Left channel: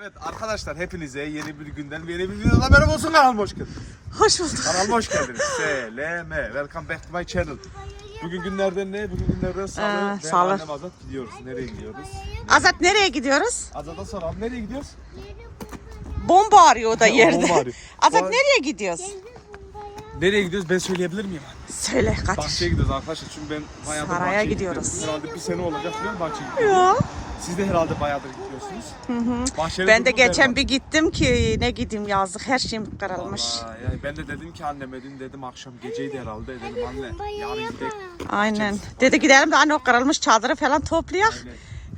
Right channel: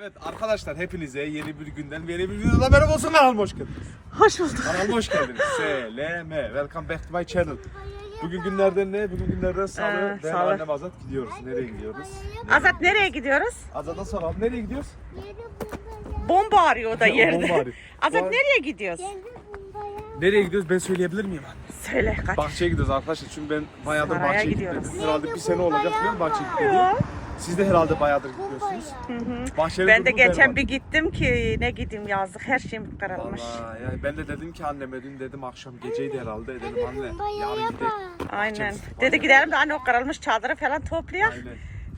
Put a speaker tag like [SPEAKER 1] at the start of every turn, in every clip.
[SPEAKER 1] Evet arkadaşlar hepinize yeni bir günden ve yeni bir videoda merhaba olsun kanalıma hoş geldiniz.
[SPEAKER 2] Hoş bulduk.
[SPEAKER 1] Kanalıma hoş geldiniz. SLM. Welcome back to my channel. Bugün günlerden ne? Bugün günlerden salı.
[SPEAKER 2] Ee,
[SPEAKER 1] ben
[SPEAKER 2] salı.
[SPEAKER 1] annem Azat gidiyoruz. Nereye gidiyoruz?
[SPEAKER 2] Azat nereye gidiyoruz?
[SPEAKER 1] Azat'a soralım. Nereye gidiyoruz?
[SPEAKER 2] Bomba arıyor o da yerde.
[SPEAKER 1] Bomba arıyor.
[SPEAKER 2] Azat
[SPEAKER 1] Bu-
[SPEAKER 2] nereye gidiyoruz?
[SPEAKER 1] Nereye gidiyoruz ben söyleyebilir miyim anne?
[SPEAKER 2] Söyle kaç.
[SPEAKER 1] Bahçeye gidiyoruz arkadaşlar çünkü ben bayağıdır
[SPEAKER 2] Saraya
[SPEAKER 1] bahçeye
[SPEAKER 2] gidiyoruz.
[SPEAKER 1] gidiyorum. Herhalde bir sene olacak biliyor musun bahçeye gidiyorum. Siz de herhalde bayağıdır gidiyorsunuz. Bahçeli
[SPEAKER 2] Ben de geçen
[SPEAKER 1] berbat.
[SPEAKER 2] bir gittim ki ne gideyim yazdık her şeyim kırılmış.
[SPEAKER 1] Vallahi yani ben de dedim ki anneme dün dedim akşam geceydi herhalde dedim anne yarın gidelim.
[SPEAKER 2] Aynen. Dedi gidelim de anne o kırılmış çadırı falan toplayalım.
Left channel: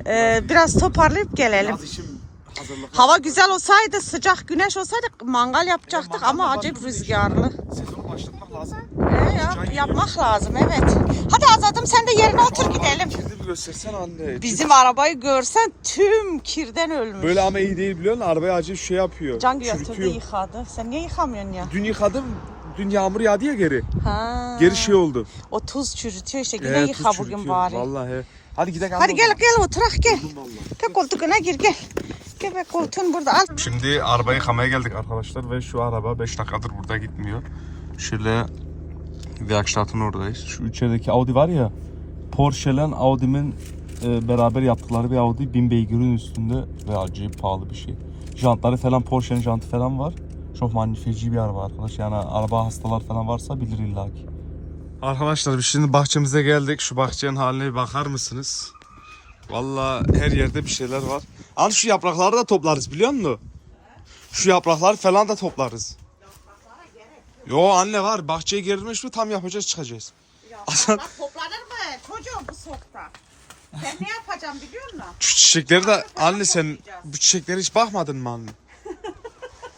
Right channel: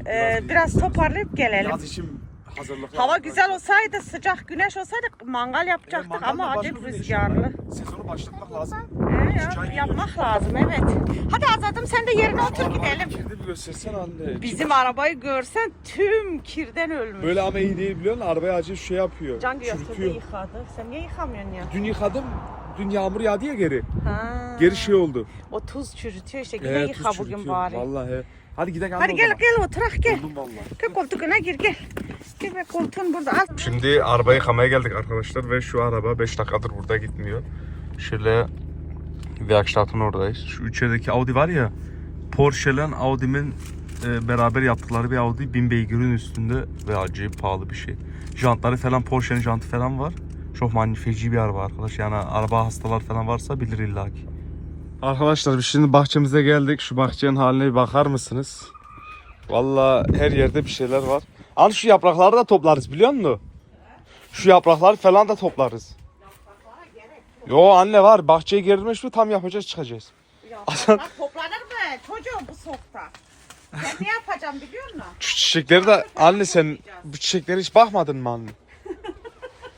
[SPEAKER 1] Aynen.
[SPEAKER 2] Ee, biraz toparlayıp gelelim.
[SPEAKER 1] Yaz işim hazırlık.
[SPEAKER 2] Hava güzel olsaydı, sıcak güneş olsaydı mangal yapacaktık ama acayip rüzgarlı.
[SPEAKER 1] Sezonu başlatmak lazım.
[SPEAKER 2] Ee, Ya, yapmak lazım evet. Hadi Azat'ım sen de yerine otur gidelim.
[SPEAKER 1] Kirli bir göstersene anne.
[SPEAKER 2] Bizim arabayı görsen tüm kirden ölmüş.
[SPEAKER 1] Böyle ama iyi değil biliyor musun? Arabaya acayip şey yapıyor.
[SPEAKER 2] Can götürdü
[SPEAKER 1] çürütüyor.
[SPEAKER 2] yıkadı. Sen niye yıkamıyorsun ya?
[SPEAKER 1] Dün yıkadım. Dün yağmur yağdı ya geri.
[SPEAKER 2] Ha.
[SPEAKER 1] Geri şey oldu.
[SPEAKER 2] O tuz çürütüyor işte. Yine
[SPEAKER 1] Evet,
[SPEAKER 2] yıka
[SPEAKER 1] tuz
[SPEAKER 2] bugün
[SPEAKER 1] çürütüyor.
[SPEAKER 2] bari.
[SPEAKER 1] Vallahi. Hadi gidelim.
[SPEAKER 2] Hadi gel gel oturak gel.
[SPEAKER 1] Vallahi.
[SPEAKER 2] Gel koltuğuna gir gel. Be koltuğun burada al.
[SPEAKER 1] Şimdi araba yıkamaya geldik arkadaşlar ve şu araba 5 dakikadır burada gitmiyor. Şöyle Werkstatt'ın oradayız. Şu içerideki Audi var ya Porsche ile Audi'nin e, beraber yaptıkları bir Audi 1000 beygirin üstünde ve acayip pahalı bir şey. Jantları falan Porsche'nin jantı falan var. Çok magnifici bir araba arkadaş. Yani araba hastalar falan varsa bilir illaki. Arkadaşlar biz şimdi bahçemize geldik. Şu bahçenin haline bir bakar mısınız? Vallahi her yerde bir şeyler var. Al şu yaprakları da toplarız biliyor musun? Şu yaprakları falan da toplarız. Yo anne var bahçeye girilmiş mi tam yapacağız çıkacağız. Hasan
[SPEAKER 2] Toplanır mı? Çocuğum bu sokta. Ben ne yapacağım biliyor musun?
[SPEAKER 1] şu çiçekleri de anne sen bu çiçeklere hiç bakmadın mı anne?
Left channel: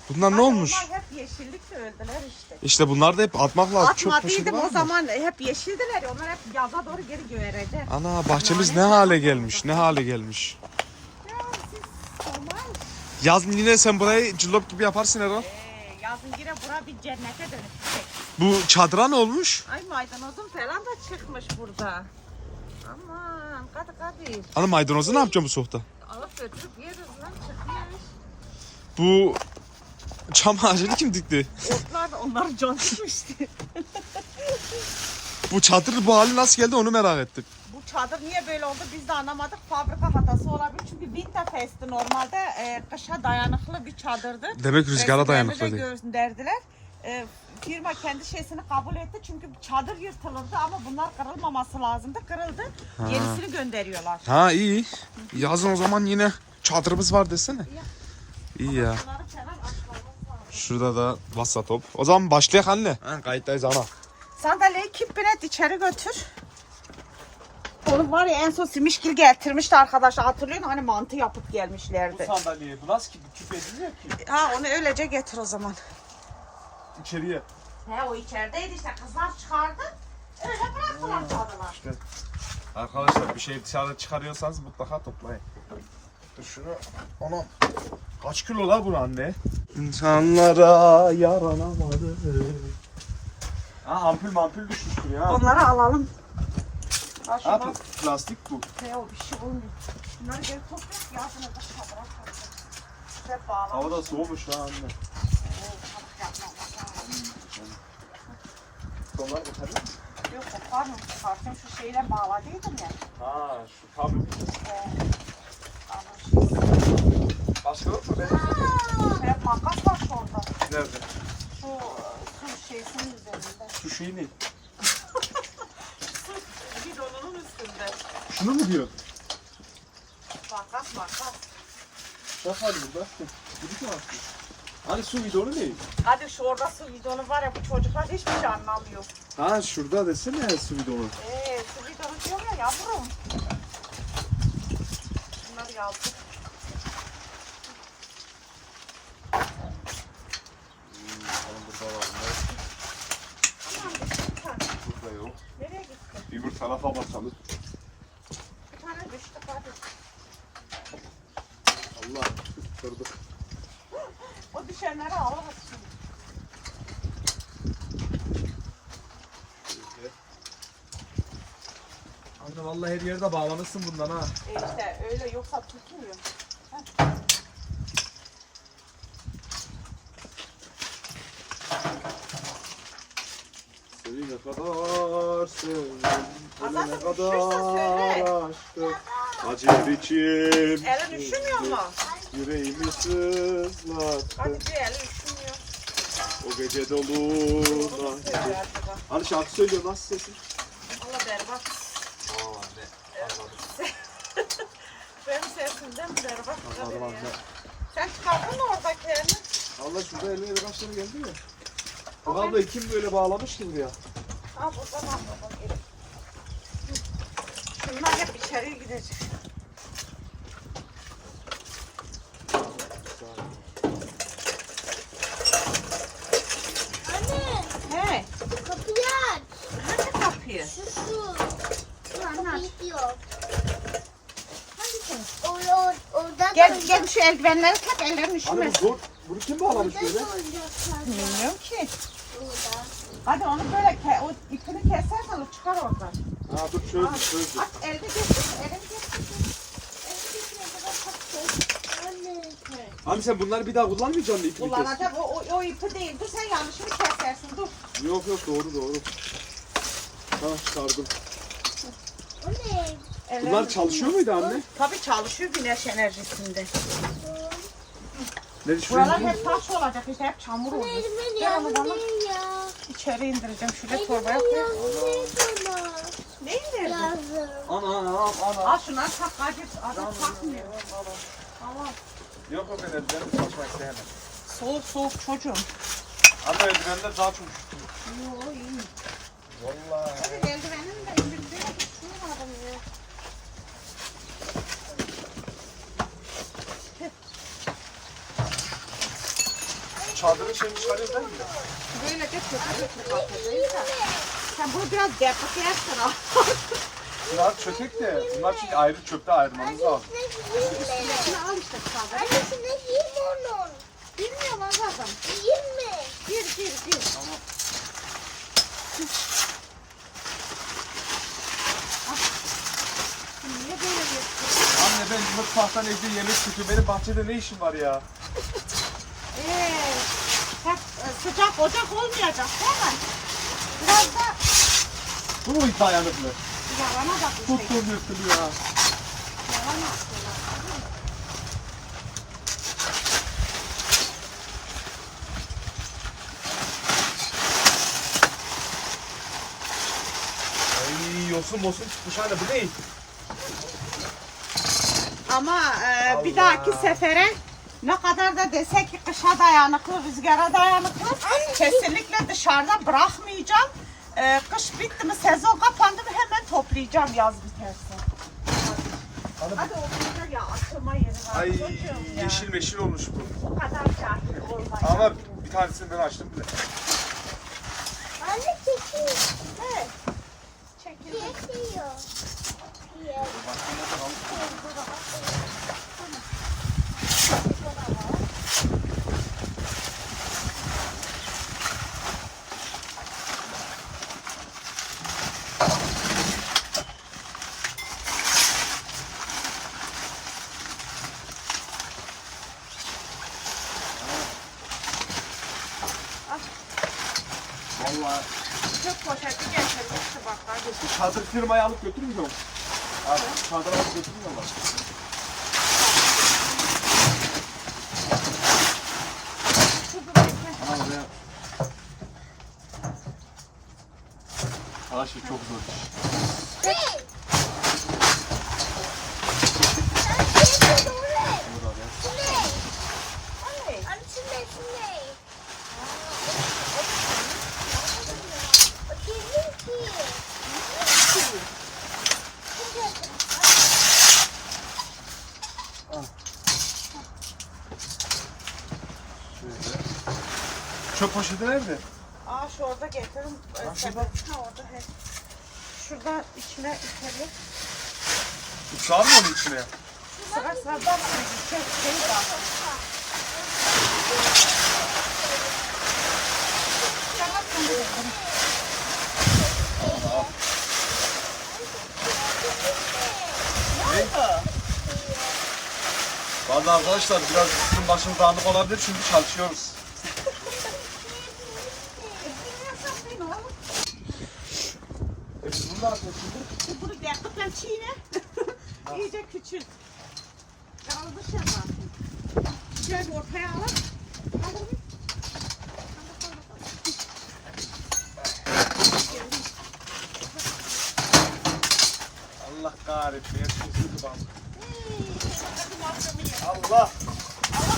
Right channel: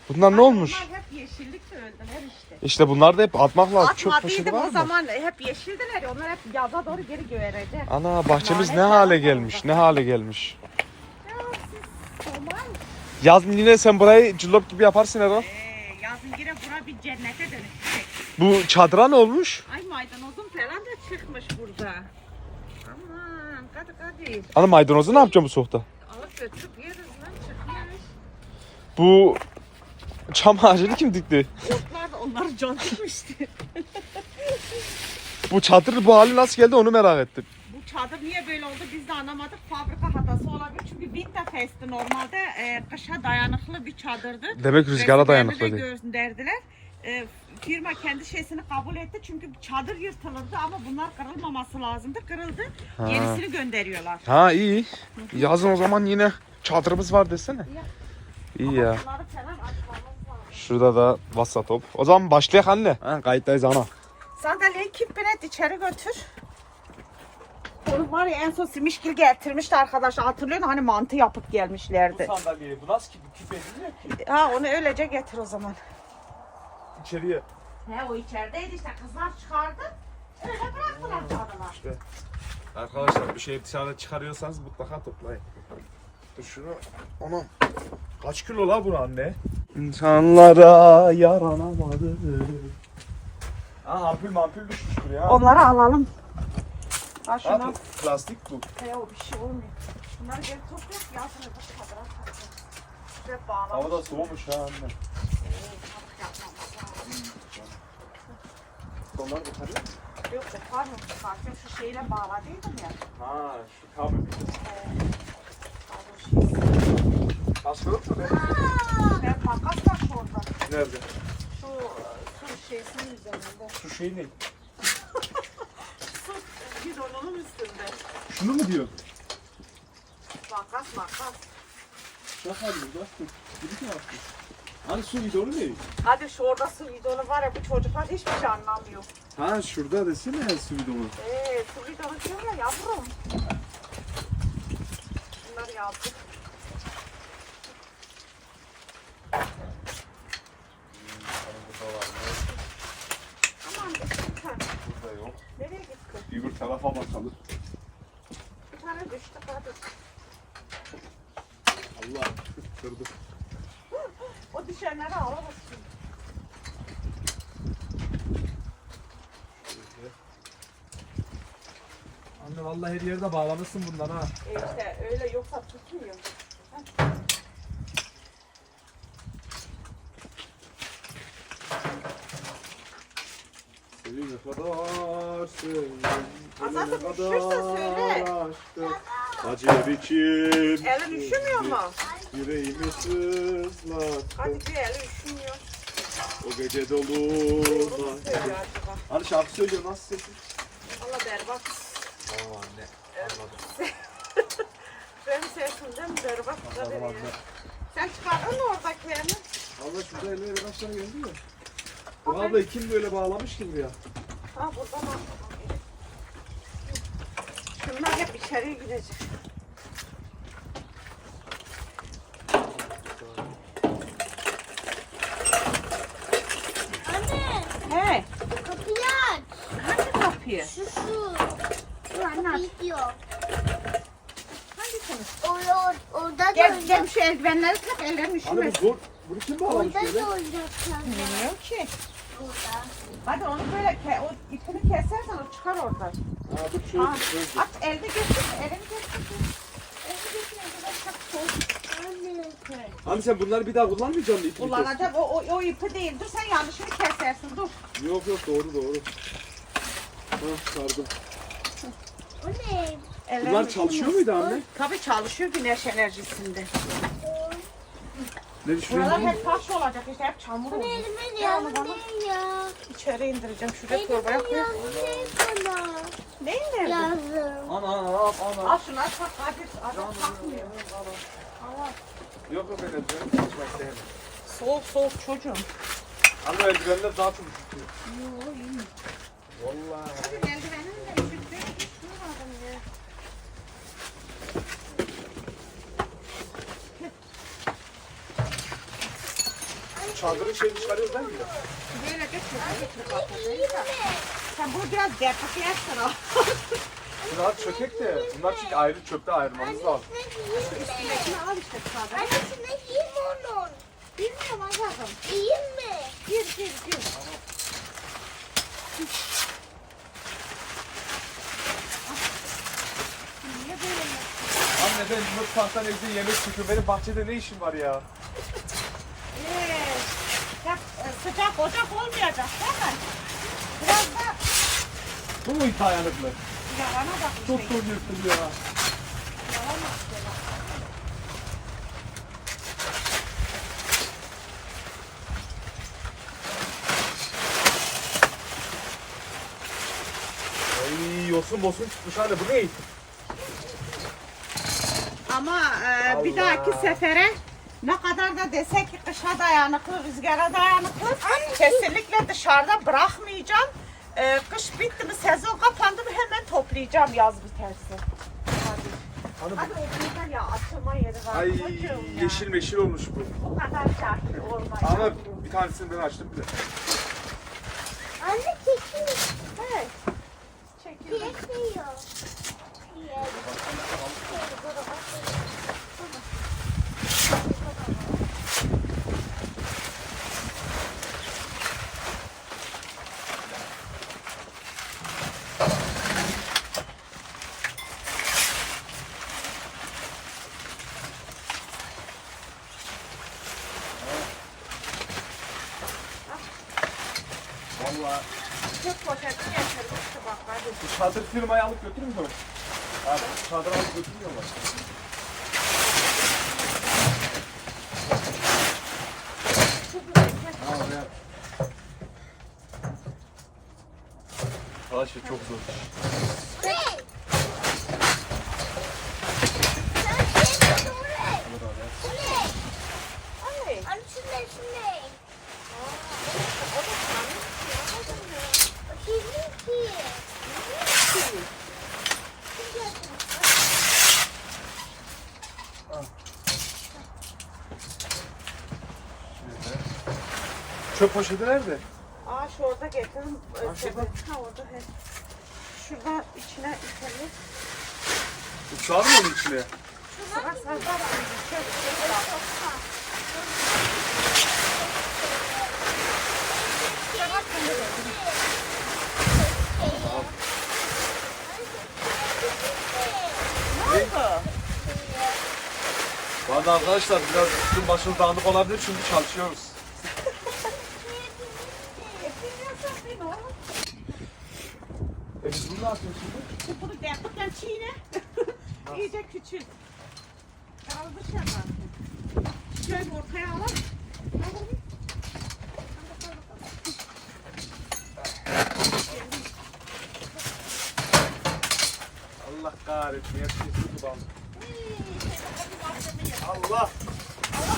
[SPEAKER 1] Bunlar ne olmuş?
[SPEAKER 2] Bunlar hep yeşillik de öldüler işte.
[SPEAKER 1] İşte bunlar da hep atmak lazım. Poşeti
[SPEAKER 2] Atmadıydım
[SPEAKER 1] var
[SPEAKER 2] o
[SPEAKER 1] mı?
[SPEAKER 2] zaman hep yeşildiler. Onlar hep yaza doğru geri göğerecek.
[SPEAKER 1] Ana bahçemiz ne hale gelmiş ne hale gelmiş. Yaz yine sen burayı cillop gibi yaparsın Erol.
[SPEAKER 2] Ee, yazın yine bura bir cennete dönüşecek.
[SPEAKER 1] Bu çadıra ne olmuş?
[SPEAKER 2] Ay maydanozum falan da çıkmış burada. Aman hadi hadi.
[SPEAKER 1] Ana maydanozu ne yapacağım bu soğukta?
[SPEAKER 2] Alıp götürüp yeriz lan çıkmış.
[SPEAKER 1] Bu çam ağacını kim dikti?
[SPEAKER 2] Otlar da onları contmuştu.
[SPEAKER 1] Bu çadır bu hali nasıl geldi onu merak ettim.
[SPEAKER 2] Çadır niye böyle oldu biz de anlamadık. Fabrika hatası olabilir. Çünkü Winterfest'ti normalde e, kışa dayanıklı bir çadırdı.
[SPEAKER 1] Demek rüzgara dayanıklı
[SPEAKER 2] de
[SPEAKER 1] değil.
[SPEAKER 2] gönderdiler. E, firma kendi şeysini kabul etti çünkü çadır yırtılırdı ama bunlar kırılmaması lazımdı. Kırıldı. Yenisini gönderiyorlar.
[SPEAKER 1] Ha iyi. Yazın o zaman yine çadırımız var desene. İyi ya. Şurada da vassa top. O zaman başlayalım anne. Ha, kayıttayız ama.
[SPEAKER 2] Sandalyeyi kipinet içeri götür. Oğlum var ya en son Simişgil getirmişti arkadaşlar. Hatırlıyor musun? Hani mantı yapıp gelmişlerdi.
[SPEAKER 1] sandalyeyi bu nasıl ki? Bu tüp edilmiyor ki.
[SPEAKER 2] Ha onu öylece getir o zaman.
[SPEAKER 1] İçeriye.
[SPEAKER 2] He o içerideydi işte kızlar çıkardı. Öyle bıraktılar çaldılar.
[SPEAKER 1] Arkadaşlar bir şey dışarıda çıkarıyorsanız mutlaka toplayın. Dur şunu. Onu kaç kilo la bu anne? İnsanlara yaranamadı. Ha ampul mampul düşmüştür ya.
[SPEAKER 2] Onları alalım. Ha şunu.
[SPEAKER 1] plastik bu.
[SPEAKER 2] He o bir şey olmuyor. Bunları geri topluyoruz ya. Şunu da koyacağız. Ve bağlamak
[SPEAKER 1] Hava da soğumuş ha anne. Dolar yukarı.
[SPEAKER 2] Yok o pardon çıkarken şu şeyle bağladıydım ya.
[SPEAKER 1] Ha şu kablo. Başka yok mu be?
[SPEAKER 2] Ve makas var şurada.
[SPEAKER 1] Nerede?
[SPEAKER 2] Şu e, su şeysinin üzerinde.
[SPEAKER 1] Şu şey ne?
[SPEAKER 2] Dolunun üstünde.
[SPEAKER 1] Şunu mu diyor?
[SPEAKER 2] Makas makas.
[SPEAKER 1] Bak hadi burada. Gidik mi attı? Hani su bidonu ne?
[SPEAKER 2] Hadi şu orada su bidonu var ya bu çocuklar hiçbir şey anlamıyor.
[SPEAKER 1] Ha şurada desene su bidonu.
[SPEAKER 2] Eee su bidonu diyor ya yavrum. Bunları yazdık. Tamam düştü bir tane.
[SPEAKER 1] Burada yok.
[SPEAKER 2] Nereye gitti?
[SPEAKER 1] Bir bu tarafa bakalım.
[SPEAKER 2] Bir tane düştü hadi.
[SPEAKER 1] Allah kırdık.
[SPEAKER 2] O düşenleri alırız şimdi.
[SPEAKER 1] Anne vallahi her yerde bağlamışsın bundan ha.
[SPEAKER 2] E işte öyle yoksa tutmuyor.
[SPEAKER 1] ne kadar sevdim.
[SPEAKER 2] Azat,
[SPEAKER 1] ne
[SPEAKER 2] üşürsen söyle.
[SPEAKER 1] aşktım. Acı biçim.
[SPEAKER 2] Elin üşümüyor mu?
[SPEAKER 1] Yüreğimi sızlattı.
[SPEAKER 2] Hadi bir eli üşümüyor.
[SPEAKER 1] O gece dolu.
[SPEAKER 2] Söyle
[SPEAKER 1] nahide.
[SPEAKER 2] acaba.
[SPEAKER 1] Hani şarkı söylüyor nasıl sesin?
[SPEAKER 2] Valla berbat.
[SPEAKER 1] Aa anne. Anladım.
[SPEAKER 2] Benim sesimden berbat.
[SPEAKER 1] Anladım anne.
[SPEAKER 2] Sen çıkardın mı oradakilerini?
[SPEAKER 1] Allah şurada 50 lira kaç tane geldi mi? Bu abla kim böyle bağlamış ki buraya?
[SPEAKER 2] Ha buradan al babam. Şunlar hep içeriye gidecek.
[SPEAKER 3] Anne
[SPEAKER 2] Hey,
[SPEAKER 3] kapıyı aç.
[SPEAKER 2] hangi kapıyı?
[SPEAKER 3] Şu şu.
[SPEAKER 2] Anne aç.
[SPEAKER 3] Kapıyı diyor.
[SPEAKER 2] Hangisini?
[SPEAKER 3] Or, orada
[SPEAKER 2] Gel,
[SPEAKER 3] da
[SPEAKER 2] gel şu eldivenleri tak, ellerin
[SPEAKER 1] bu
[SPEAKER 2] üşümesin.
[SPEAKER 1] zor. Bunu kim bağlamış
[SPEAKER 3] Orada
[SPEAKER 1] böyle?
[SPEAKER 3] da.
[SPEAKER 2] Bilmiyorum ki. Hadi onu böyle ke o ipini kesersen o çıkar oradan.
[SPEAKER 1] Aa dur
[SPEAKER 2] elini getir, elini getir. Elini getir, elini tak.
[SPEAKER 3] Anne.
[SPEAKER 1] Sen bunları bir daha kullanmayacaksın mı ipini kes?
[SPEAKER 2] Kullanacak o, o, o ipi değil. Dur sen yanlışını kesersin dur.
[SPEAKER 1] Yok yok doğru doğru. Tamam çıkardım.
[SPEAKER 3] O ne?
[SPEAKER 2] Ellerini
[SPEAKER 1] Bunlar çalışıyor muydu anne?
[SPEAKER 2] Tabii çalışıyor güneş enerjisinde.
[SPEAKER 1] Ne
[SPEAKER 2] Buralar
[SPEAKER 1] düşünüyorsun?
[SPEAKER 2] hep taş olacak işte hep çamur
[SPEAKER 3] Bu? Bu
[SPEAKER 2] Ver onu
[SPEAKER 3] Bu
[SPEAKER 2] bana. İçeri indireceğim. Şuraya torbaya koy.
[SPEAKER 3] ne? Bu ne? Lazım.
[SPEAKER 1] Ana ana ana.
[SPEAKER 2] Al şunu al tak Kadir. Adam takmıyor. Al.
[SPEAKER 1] Yok o benim benim saçmak istemem.
[SPEAKER 2] Soğuk soğuk çocuğum.
[SPEAKER 1] Anne eldivenler daha çok üşütüyor.
[SPEAKER 2] Yok iyi.
[SPEAKER 1] Vallahi.
[SPEAKER 2] Eldivenin de
[SPEAKER 1] Çadırın şeyini çıkarıyoruz değil mi?
[SPEAKER 2] Böyle de çöpe götürüp atacağız da. Sen bunu biraz derpak yersen al.
[SPEAKER 1] Rahat çökek de bunlar çünkü ayrı çöpte ayırmamız lazım.
[SPEAKER 3] Annesine giyeyim mi?
[SPEAKER 2] Şunu al işte kaldır.
[SPEAKER 3] Annesine giyeyim onu.
[SPEAKER 2] Bilmiyorum Azat'ım.
[SPEAKER 3] Giyeyim mi?
[SPEAKER 2] Gir gir gir. Niye böyle yapıyorsun?
[SPEAKER 1] Anne ben bu tahtan evde yemek çıkıyor. Benim bahçede ne işim var ya?
[SPEAKER 2] Ee, bak e, sıcak ocak olmayacak değil mi? Biraz da
[SPEAKER 1] Bu mu dayanıklı?
[SPEAKER 2] yalanacak işte.
[SPEAKER 1] Tuttuğum yırtılıyor ha.
[SPEAKER 2] Yalan yapıyorlar.
[SPEAKER 1] Ay yosun mosun çıkmış anne bu ne?
[SPEAKER 2] Ama e, bir
[SPEAKER 1] Allah.
[SPEAKER 2] dahaki sefere ne kadar da desek ki kışa dayanıklı, rüzgara dayanıklı kesinlikle dışarıda bırakmayacağım. E, kış bitti mi, sezon kapandı mı hemen toplayacağım yaz biterse.
[SPEAKER 1] Hani
[SPEAKER 2] Hadi o güzel ya atılma yeri var.
[SPEAKER 1] Ay
[SPEAKER 2] çocuğum ya.
[SPEAKER 1] yeşil meşil olmuş bu.
[SPEAKER 2] O kadar cahil olma.
[SPEAKER 1] Ama bir tanesini ben açtım bile.
[SPEAKER 3] Anne çekiyor.
[SPEAKER 2] Evet. Çekil.
[SPEAKER 3] Çekiyor. Yes.
[SPEAKER 1] Vallahi.
[SPEAKER 2] Çok poşeti getirmişti bak hadi.
[SPEAKER 1] Bu çadır firmayı alıp götürmüyor mu? Abi çadır alıp oraya. Arkadaşlar çok zor iş. Burada be.
[SPEAKER 2] Evet.
[SPEAKER 3] Anne şune şune. Oturayım ki.
[SPEAKER 1] Şöyle. Çöp poşeti nerede?
[SPEAKER 2] Aa şu orada getirin.
[SPEAKER 1] Ha, şurada.
[SPEAKER 2] Ha orada he. Şurada içine içelim.
[SPEAKER 1] Sığar mı onun içine?
[SPEAKER 2] Sıra sıra?
[SPEAKER 1] Vallahi arkadaşlar biraz üstün başımız dağınık olabilir çünkü çalışıyoruz. ne yapıyorsun şimdi?
[SPEAKER 2] Şimdi bunu gerçekten çiğne. İyice küçült. Kalmış ya zaten. Şöyle ortaya al. Al bunu.
[SPEAKER 1] Allah kahretsin. Hepsi bana. Allah.
[SPEAKER 2] Allah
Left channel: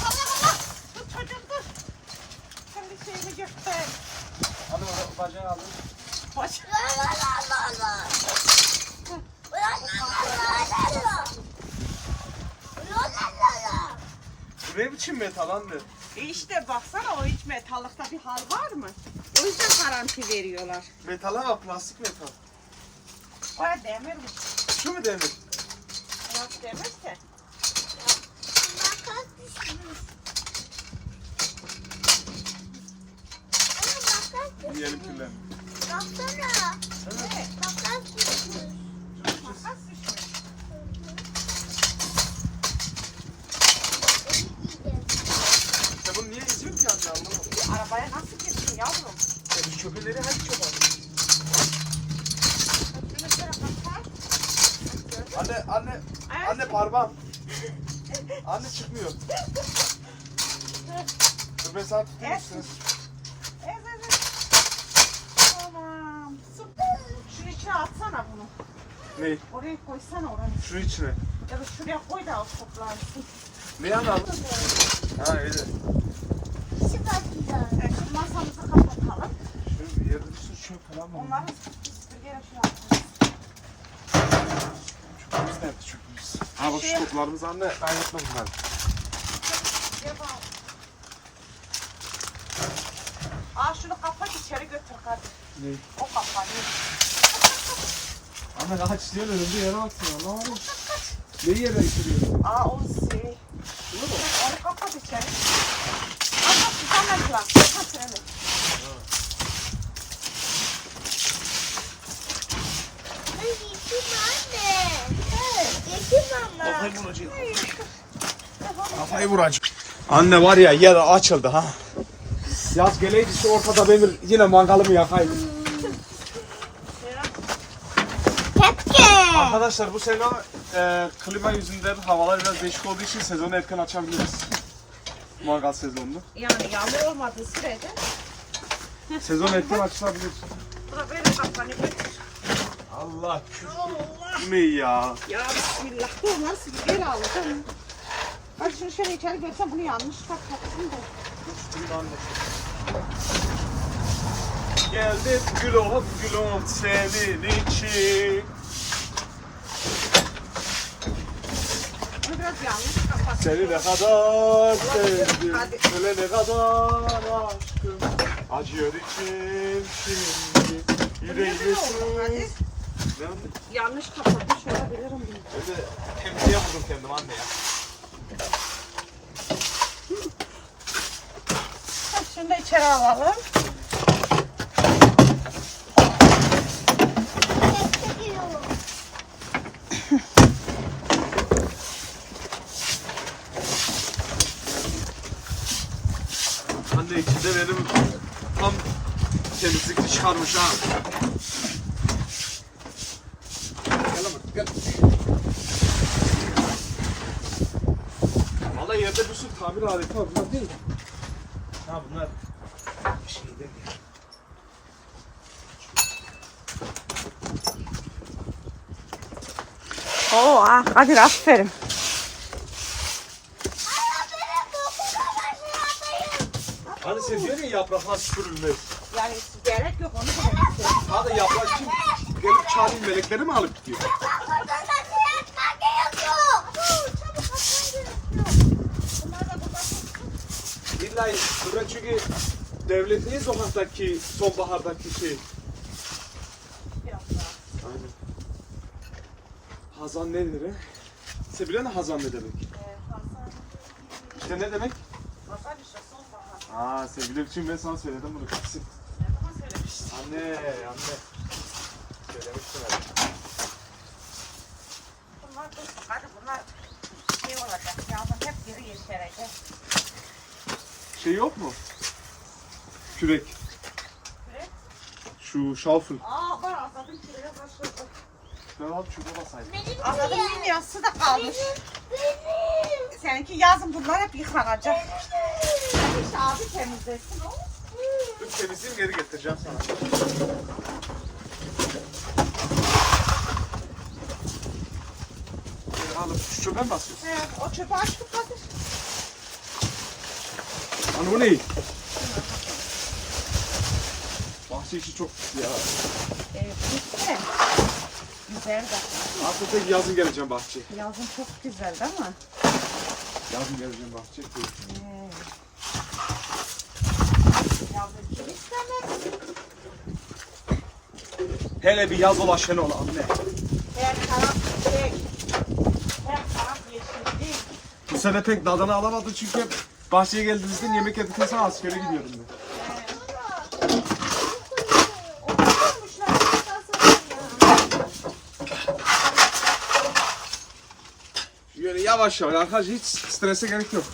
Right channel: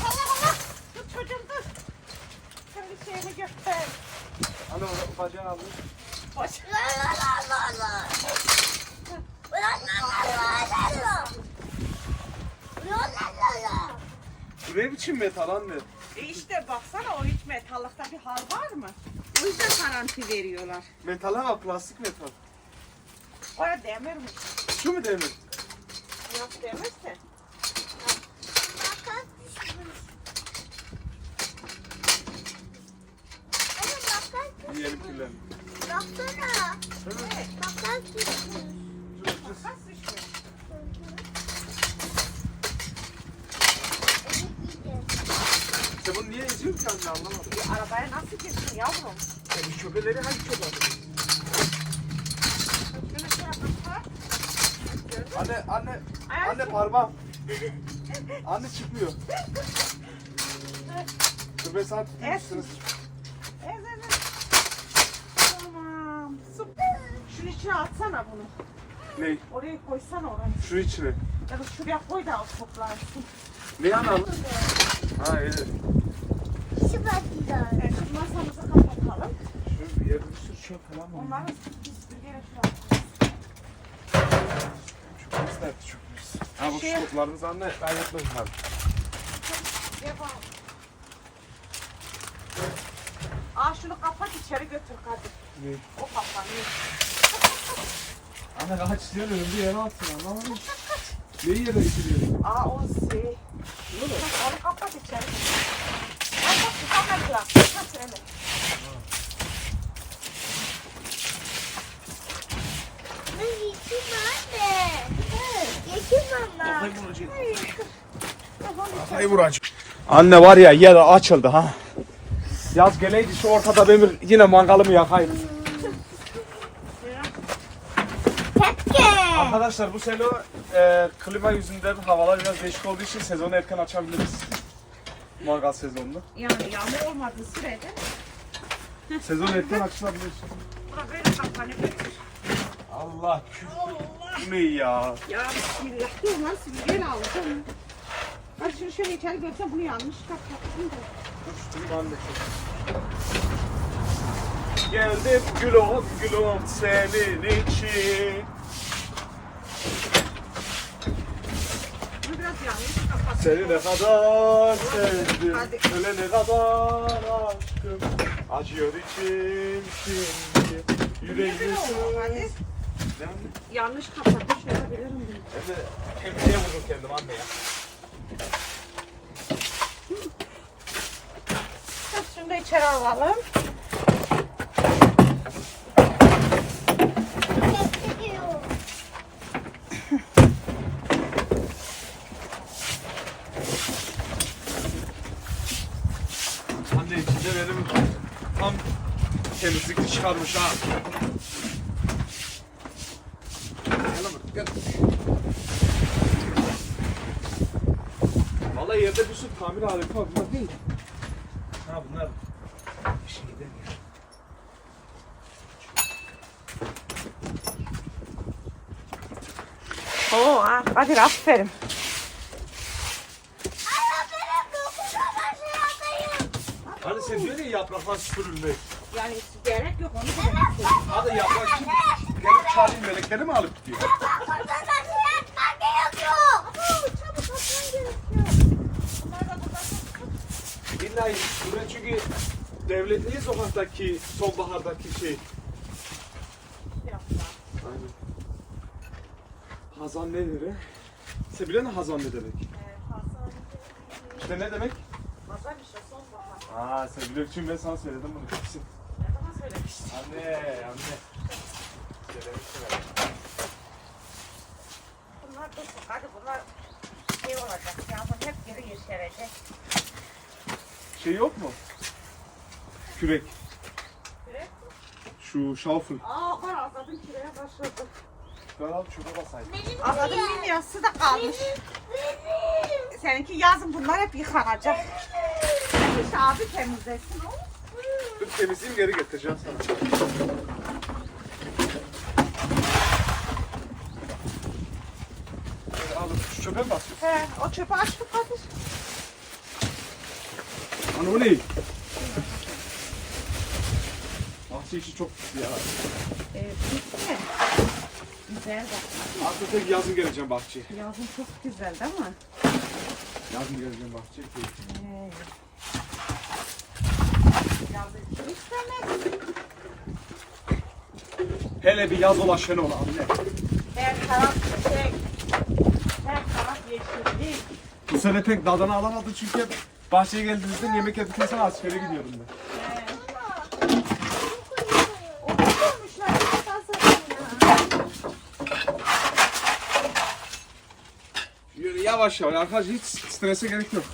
[SPEAKER 2] Allah Allah. Dur çocuğum dur. Kendi şeyini göster.
[SPEAKER 1] Ana o bacağını alın.
[SPEAKER 2] Baş.
[SPEAKER 3] La la la la la. La la la la la. La la la la.
[SPEAKER 1] Bu ne biçim metal anne?
[SPEAKER 2] E işte baksana o hiç metallıkta bir hal var mı? O yüzden garanti veriyorlar.
[SPEAKER 1] Metal ha plastik metal.
[SPEAKER 2] Ya demir mi?
[SPEAKER 1] Şu mu demir?
[SPEAKER 2] Yok demirse.
[SPEAKER 3] Makas düşmüş. Ana makas düşmüş.
[SPEAKER 1] Yiyelim kirlerini.
[SPEAKER 3] Baksana.
[SPEAKER 2] Evet.
[SPEAKER 3] Makas düşmüş.
[SPEAKER 2] Makas düşmüş.
[SPEAKER 1] Sen bunu niye eziyorsun ki anne anlamadım.
[SPEAKER 2] Bir arabaya nasıl girdin yavrum?
[SPEAKER 1] Ya bu çöpeleri hangi çöp aldın?
[SPEAKER 2] Şunu şöyle kapat.
[SPEAKER 1] Anne anne
[SPEAKER 2] Ayağı
[SPEAKER 1] anne
[SPEAKER 2] çek.
[SPEAKER 1] Parmağım. anne çıkmıyor. Dur ben sana tutayım
[SPEAKER 2] Evet.
[SPEAKER 1] üstüne.
[SPEAKER 2] Evet evet. Tamam. Süper. Şunun içine atsana bunu.
[SPEAKER 1] Ne?
[SPEAKER 2] Oraya koysana oranı.
[SPEAKER 1] Şu içine.
[SPEAKER 2] Ya da şuraya koy da toplansın.
[SPEAKER 1] Ne analım? Ha öyle.
[SPEAKER 2] Evet, şimdi masamızı kapatalım.
[SPEAKER 1] Şu yerde bir sürü çöp falan var.
[SPEAKER 2] Onları süpürgeye şuraya atalım.
[SPEAKER 1] Çöpümüz nerede çöpümüz? Ha bak
[SPEAKER 2] Şey-
[SPEAKER 1] şu toplarımız anne. Ben yaptım bunları.
[SPEAKER 2] Aa şunu kapat içeri götür hadi.
[SPEAKER 1] Ne?
[SPEAKER 2] O kapanıyor.
[SPEAKER 1] Anne kaç istiyorsun önümde yere atsın anlamadım. Neyi yere içiriyorsun?
[SPEAKER 2] Aa o şey. Bunu mu? Onu kapat içeri. Ay bak tutamazlar. Kapat öyle.
[SPEAKER 3] Ay, Yeşil anne. Anne.
[SPEAKER 1] vuracak. Kafayı vuracak. Anne var ya yer açıldı ha. Yaz geleydi şu ortada demir yine mangalımı yakayım. Arkadaşlar bu sene e, klima yüzünden havalar biraz değişik olduğu için sezonu erken açabiliriz. Mangal sezonunu.
[SPEAKER 2] Yani yağmur olmadığı sürece
[SPEAKER 1] Sezon erken açılabilir.
[SPEAKER 2] bura böyle kapanıyor.
[SPEAKER 1] Allah küfür. Bu ne ya?
[SPEAKER 2] Ya bismillah. Dur nasıl bir gel al. Hadi şunu şöyle içeri görsem bunu yanlış kapattım da.
[SPEAKER 1] Geldim gülüm gülüm senin için. Seni ne kadar sevdim, öyle ne kadar aşkım. Acıyor içim şimdi, yüreğim.
[SPEAKER 2] Yanlış kapatmış olabilirim.
[SPEAKER 1] Ben de temizliğe vurdum kendim anne ya.
[SPEAKER 2] Da içeri alalım.
[SPEAKER 1] Anne içinde benim tam temizlikli çıkarmış ha. Gel lan buraya, gel. Yerde bir sürü tamir aleti var. Bunlar değil. Ha bunlar şeyde.
[SPEAKER 2] Oo, hadi aferin.
[SPEAKER 1] Hani sen diyorsun ya yapraklar süpürülmez.
[SPEAKER 2] Yani gerek yok onu da.
[SPEAKER 1] Hadi yaprak kim gelip çalayım melekleri mi alıp gidiyor?
[SPEAKER 2] Bunlar da burada.
[SPEAKER 1] İlla çünkü devletin sokaktaki sonbahardaki şey. Aynen. Hazan nedir he? Sen biliyor musun hazan ne demek? İşte ne demek?
[SPEAKER 2] Hazır bir sonbahar.
[SPEAKER 1] Aa sen çünkü ben sana söyledim bunu kesin. Anne, anne. Söylemiştim ben.
[SPEAKER 2] Bunlar dur. Hadi bunlar şey olacak. Yazın hep geri yeşerecek.
[SPEAKER 1] Şey yok mu? Kürek.
[SPEAKER 2] Kürek?
[SPEAKER 1] Şu Şu şalfın.
[SPEAKER 2] Aa ben azadın kireye başladı.
[SPEAKER 1] Ben al şurada basayım.
[SPEAKER 3] Benim
[SPEAKER 2] Azadın minyası da kalmış. Seninki yazın bunlar hep yıkanacak. İşte abi temizlesin o.
[SPEAKER 1] Dur temizliğini geri getireceğim sana. Böyle alıp şu çöpe mi basıyorsun?
[SPEAKER 2] He, o çöpü açtık Kadir.
[SPEAKER 1] Ana o ne? Bahçe işi çok ya.
[SPEAKER 2] Evet, bitti. Güzel de.
[SPEAKER 1] Artık tek yazın geleceğim bahçeye.
[SPEAKER 2] Yazın çok güzel değil mi?
[SPEAKER 1] Yazın geleceğim bahçeye.
[SPEAKER 2] Yazın kim istemez?
[SPEAKER 1] Hele bir yaz dolaşan ol anne.
[SPEAKER 2] Her taraf çiçek. Her taraf yeşillik.
[SPEAKER 1] Bu sene pek dadını alamadım çünkü hep bahçeye geldiğimizde yemek sonra askere gidiyordum ben. Böyle yavaş yavaş arkadaşlar hiç strese gerek yok.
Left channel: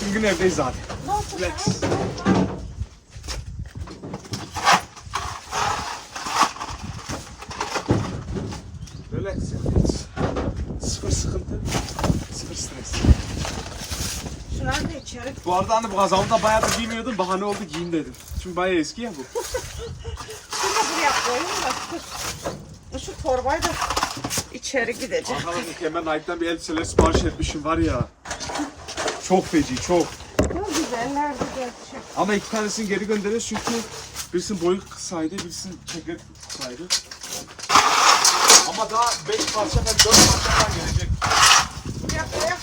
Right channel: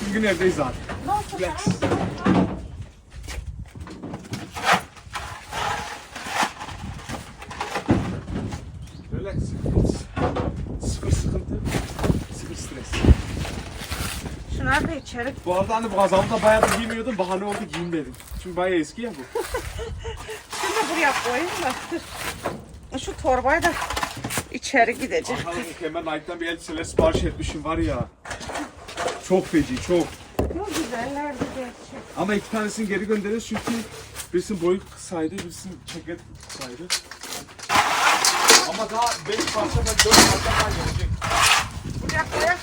[SPEAKER 1] Tüm gün evdeyiz. Relax. Relax. Hiç sıfır sıkıntı, sıfır stres.
[SPEAKER 2] Şunları da içeri.
[SPEAKER 1] Bu arada hani bu bayağı da giymiyordum. Bahane oldu giyeyim dedim. Çünkü bayağı eski ya bu.
[SPEAKER 2] Şimdi buraya koyayım da. Şu torbayı da içeri gidecek.
[SPEAKER 1] Bakalım mükemmel Nike'dan bir elbiseler sipariş etmişim var ya. Çok feci çok.
[SPEAKER 2] Ne güzellerdi gerçek.
[SPEAKER 1] Ama iki tanesini geri gönderiyoruz çünkü birisinin boyu kısaydı, birisinin ceket kısaydı. Ama daha 5 parça ben 4 parça daha gelecek.
[SPEAKER 2] Buraya koyalım.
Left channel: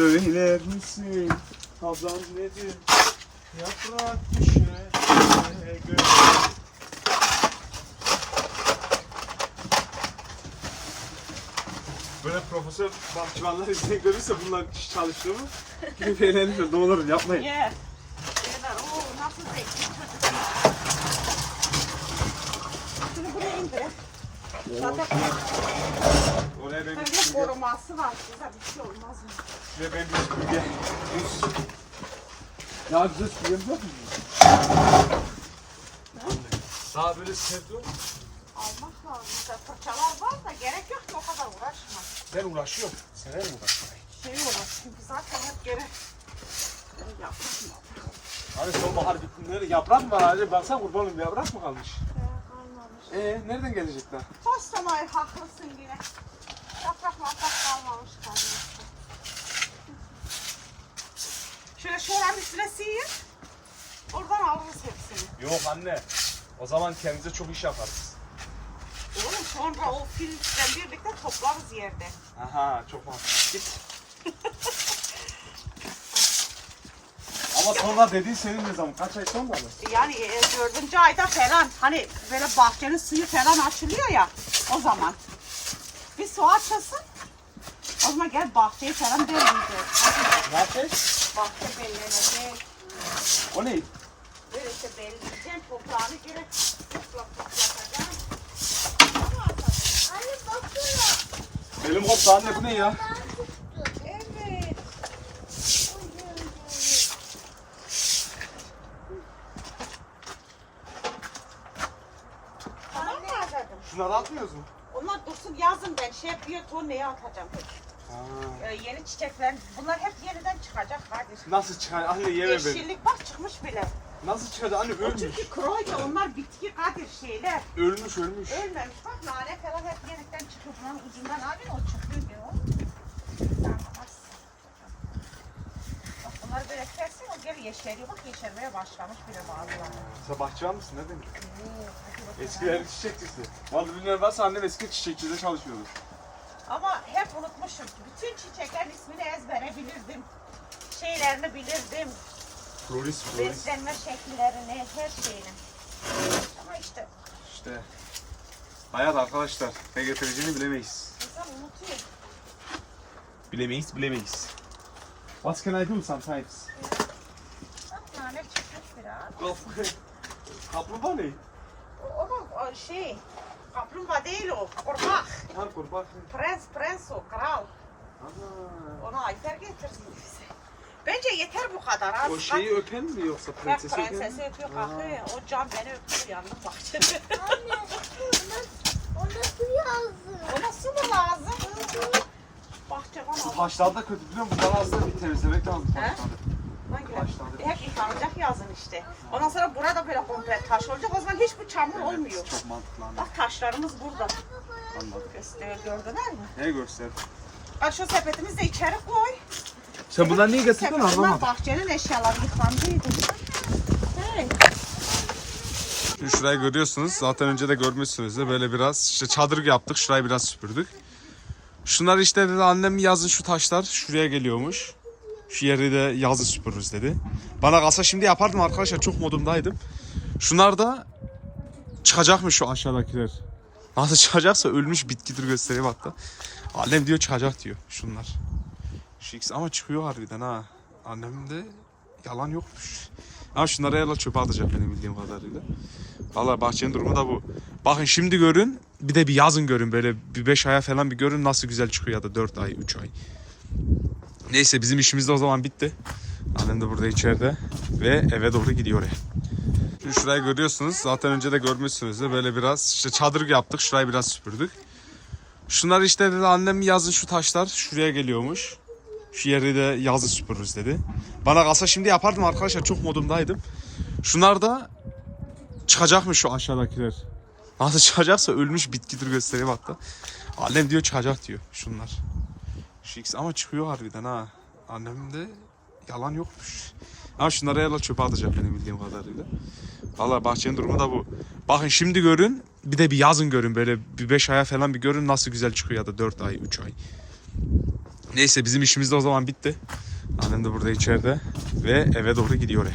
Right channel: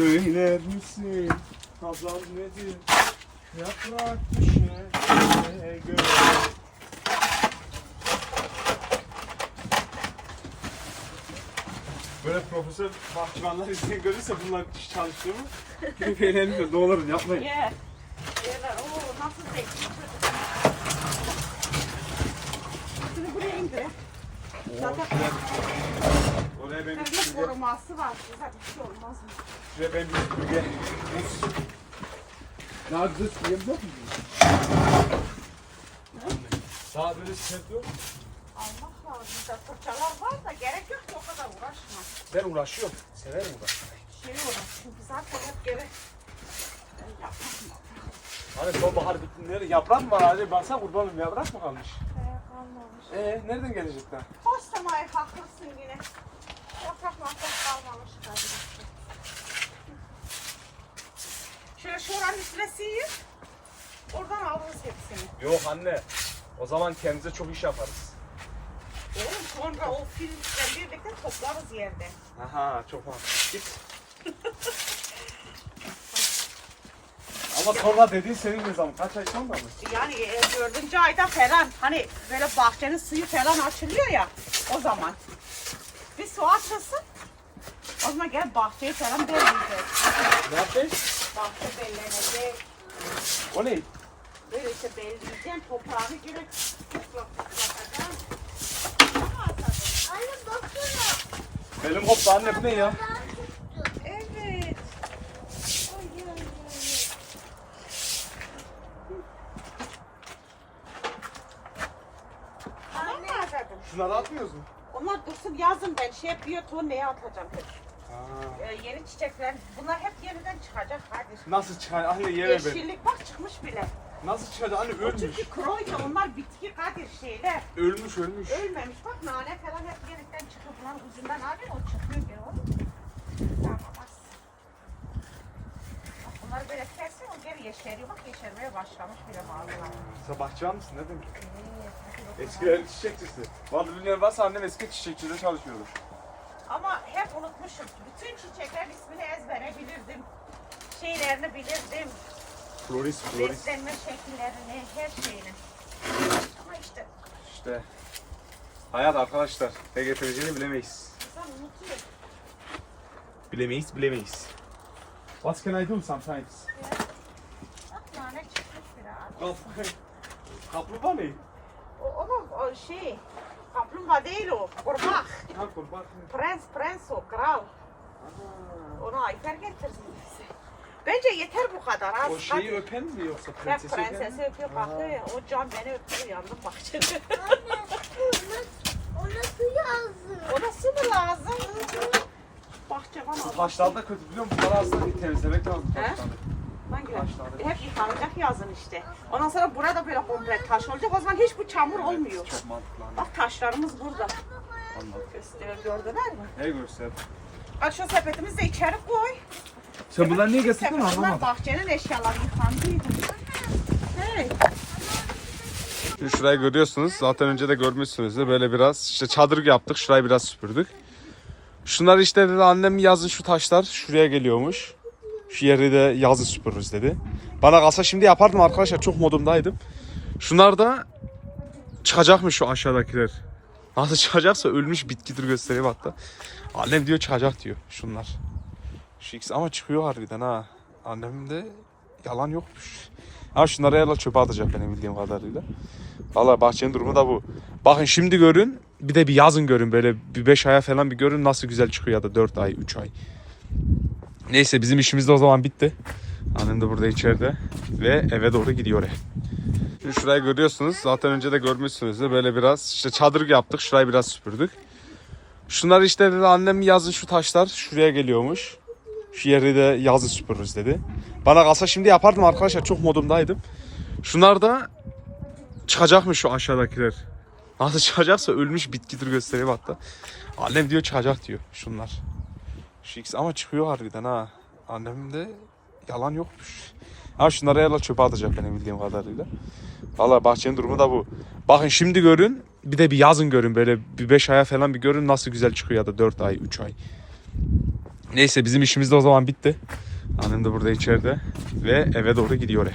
[SPEAKER 1] Söyler misin Hazan nedir? Yaprak düşene göre. Böyle profesör bahçıvanlar izleyen görürse bunlar iş çalıştığımı gidip eğlenir. Ne olur yapmayın.
[SPEAKER 2] Ye. Yerler. Oo nasıl zevkli. Şunu buraya indir. Zaten
[SPEAKER 1] Oraya benim
[SPEAKER 2] kendi koruması var. Size bir şey olmaz mı?
[SPEAKER 1] ve benim süpürge. Muz. Daha güzel süpürgemiz yok mu? Daha böyle sert yok.
[SPEAKER 2] Allah Allah. Mesela fırçalar var da gerek yok ki o kadar uğraşma.
[SPEAKER 1] Ben uğraşıyorum. Severim uğraşmayı.
[SPEAKER 2] Şey olur. Çünkü zaten hep gerek. Ben yapmam.
[SPEAKER 1] Hani sonbahar bittiğinde yaprak mı var? Hadi baksana kurban olayım yaprak mı kalmış?
[SPEAKER 2] Ee, kalmamış.
[SPEAKER 1] Ee nereden gelecekler?
[SPEAKER 2] Postamay haklısın yine. Yaprak maprak kalmamış kardeşim. Şöyle şuranın üstüne sıyır. Oradan alırız hepsini.
[SPEAKER 1] Yok anne. O zaman kendimize çok iş yaparız.
[SPEAKER 2] Oğlum sonra o filmle birlikte toplarız yerde.
[SPEAKER 1] Aha çok mantıklı. Git. Ama sonra dediğin senin ne zaman? Kaç ay sonra mı?
[SPEAKER 2] Yani e, dördüncü ayda falan hani böyle bahçenin suyu falan açılıyor ya o zaman. Bir su açılsın. O zaman gel bahçeyi falan.
[SPEAKER 1] Ne yapacağız?
[SPEAKER 2] Bahçe bellenecek.
[SPEAKER 1] O ne?
[SPEAKER 2] Böyle işte belleyeceksin toprağını
[SPEAKER 3] baksana.
[SPEAKER 1] Benim koptu anne bu ne ya?
[SPEAKER 2] Evet. Tamam mı Azad'ım?
[SPEAKER 1] Şunları atmıyoruz mu?
[SPEAKER 2] Onlar dursun yazın ben şey biyoton neye atacağım hep. Ee, yeni çiçekler bunlar hep yeniden çıkacak kardeşim.
[SPEAKER 1] Nasıl çıkar? Anne yeme beni.
[SPEAKER 2] Yeşillik bak çıkmış bile.
[SPEAKER 1] Nasıl çıkar? Anne ölmüş.
[SPEAKER 2] çünkü kroyla onlar bitki kadir şeyler.
[SPEAKER 1] Ölmüş ölmüş.
[SPEAKER 2] Ölmemiş bak nane falan hep yeniden çıkıyor. Bunların ucundan abi o çıkıyor bir o. Sen bak. Bak Bunları böyle kesin o geri yeşeriyor. Bak yeşermeye başlamış bile bana.
[SPEAKER 1] Sen bahçıvan mısın? Ne demek? Eskiler çiçekçisi. Vallahi bilmiyorum varsa annem eski çiçekçide çalışıyordu.
[SPEAKER 2] Ama hep unutmuşum. Bütün çiçeklerin ismini ezbere bilirdim. Şeylerini bilirdim.
[SPEAKER 1] Florist,
[SPEAKER 2] Beslenme şekillerini, her şeyini. Ama işte
[SPEAKER 1] İşte. Hayat arkadaşlar. Ne getireceğini bilemeyiz.
[SPEAKER 2] insan unutuyor.
[SPEAKER 1] Bilemeyiz, bilemeyiz. What can I do sometimes?
[SPEAKER 2] Biraz.
[SPEAKER 1] Kaplumbağa ne?
[SPEAKER 2] O, ama o şey, Kaplumbağa değil o. Kurbağa.
[SPEAKER 4] Ha kurban.
[SPEAKER 2] Prens, prens o. Kral. Onu Ayfer getirdi bize. Bence yeter bu kadar. Az
[SPEAKER 4] O şeyi öpen mi yoksa prensesi öpen mi?
[SPEAKER 2] prensesi öpüyor kalkıyor. O can beni öpüyor yandım bahçede.
[SPEAKER 3] Ona su yazdı.
[SPEAKER 2] Ona su mu lazım? Bahçıvan
[SPEAKER 4] Bu
[SPEAKER 2] adam.
[SPEAKER 4] taşlar da kötü biliyor musun? Bunları aslında bir temizlemek lazım
[SPEAKER 2] He?
[SPEAKER 4] taşları.
[SPEAKER 2] Hangi
[SPEAKER 4] Taşlar da-
[SPEAKER 2] Hep yıkanacak yazın işte. Ondan sonra burada böyle komple taş olacak. O zaman hiç bu çamur olmuyor.
[SPEAKER 4] Çok mantıklı anladım.
[SPEAKER 2] Bak taşlarımız burada.
[SPEAKER 4] anladım.
[SPEAKER 2] Gösteriyor gördüler mi?
[SPEAKER 4] Ne göster?
[SPEAKER 2] Bak şu sepetimizi de içeri koy.
[SPEAKER 4] Sen bunları niye
[SPEAKER 2] Sepet- Bunlar bahçenin eşyaları yıkandıydı. Evet.
[SPEAKER 1] Şimdi şurayı görüyorsunuz. Zaten önce de görmüşsünüzdür. Böyle biraz işte çadır yaptık. Şurayı biraz süpürdük. Şunlar işte dedi annem yazın şu taşlar şuraya geliyormuş. Şu yeri de yazı süpürürüz dedi. Bana kalsa şimdi yapardım arkadaşlar. Çok modumdaydım. Şunlar da çıkacakmış şu aşağıdakiler. Nasıl çıkacaksa ölmüş bitkidir göstereyim hatta. Annem diyor çıkacak diyor şunlar. Şu ikisi ama çıkıyor harbiden ha. Annemin de yalan yokmuş. Ama şunları herhalde çöpe atacak benim bildiğim kadarıyla. Valla bahçenin durumu da bu. Bakın şimdi görün bir de bir yazın görün böyle bir 5 aya falan bir görün nasıl güzel çıkıyor ya da 4 ay 3 ay. Neyse bizim işimiz de o zaman bitti. Annem de burada içeride ve eve doğru gidiyor. Şimdi şurayı görüyorsunuz. Zaten önce de görmüşsünüzdür. Böyle biraz işte çadır yaptık. Şurayı biraz süpürdük. Şunlar işte dedi annem yazın şu taşlar şuraya geliyormuş. Şu yeri de yazı süpürürüz dedi. Bana kalsa şimdi yapardım arkadaşlar. Çok modumdaydım. Şunlar da çıkacakmış şu aşağıdakiler. Nasıl çıkacaksa ölmüş bitkidir göstereyim hatta. Annem diyor çıkacak diyor şunlar. Şu ikisi ama çıkıyor harbiden ha. Annemin de yalan yokmuş. Ama şunları herhalde çöpe atacak benim bildiğim kadarıyla. Valla bahçenin durumu da bu. Bakın şimdi görün bir de bir yazın görün böyle bir 5 aya falan bir görün nasıl güzel çıkıyor ya da 4 ay 3 ay. Neyse bizim işimiz de o zaman bitti. Annem de burada içeride ve eve doğru gidiyor.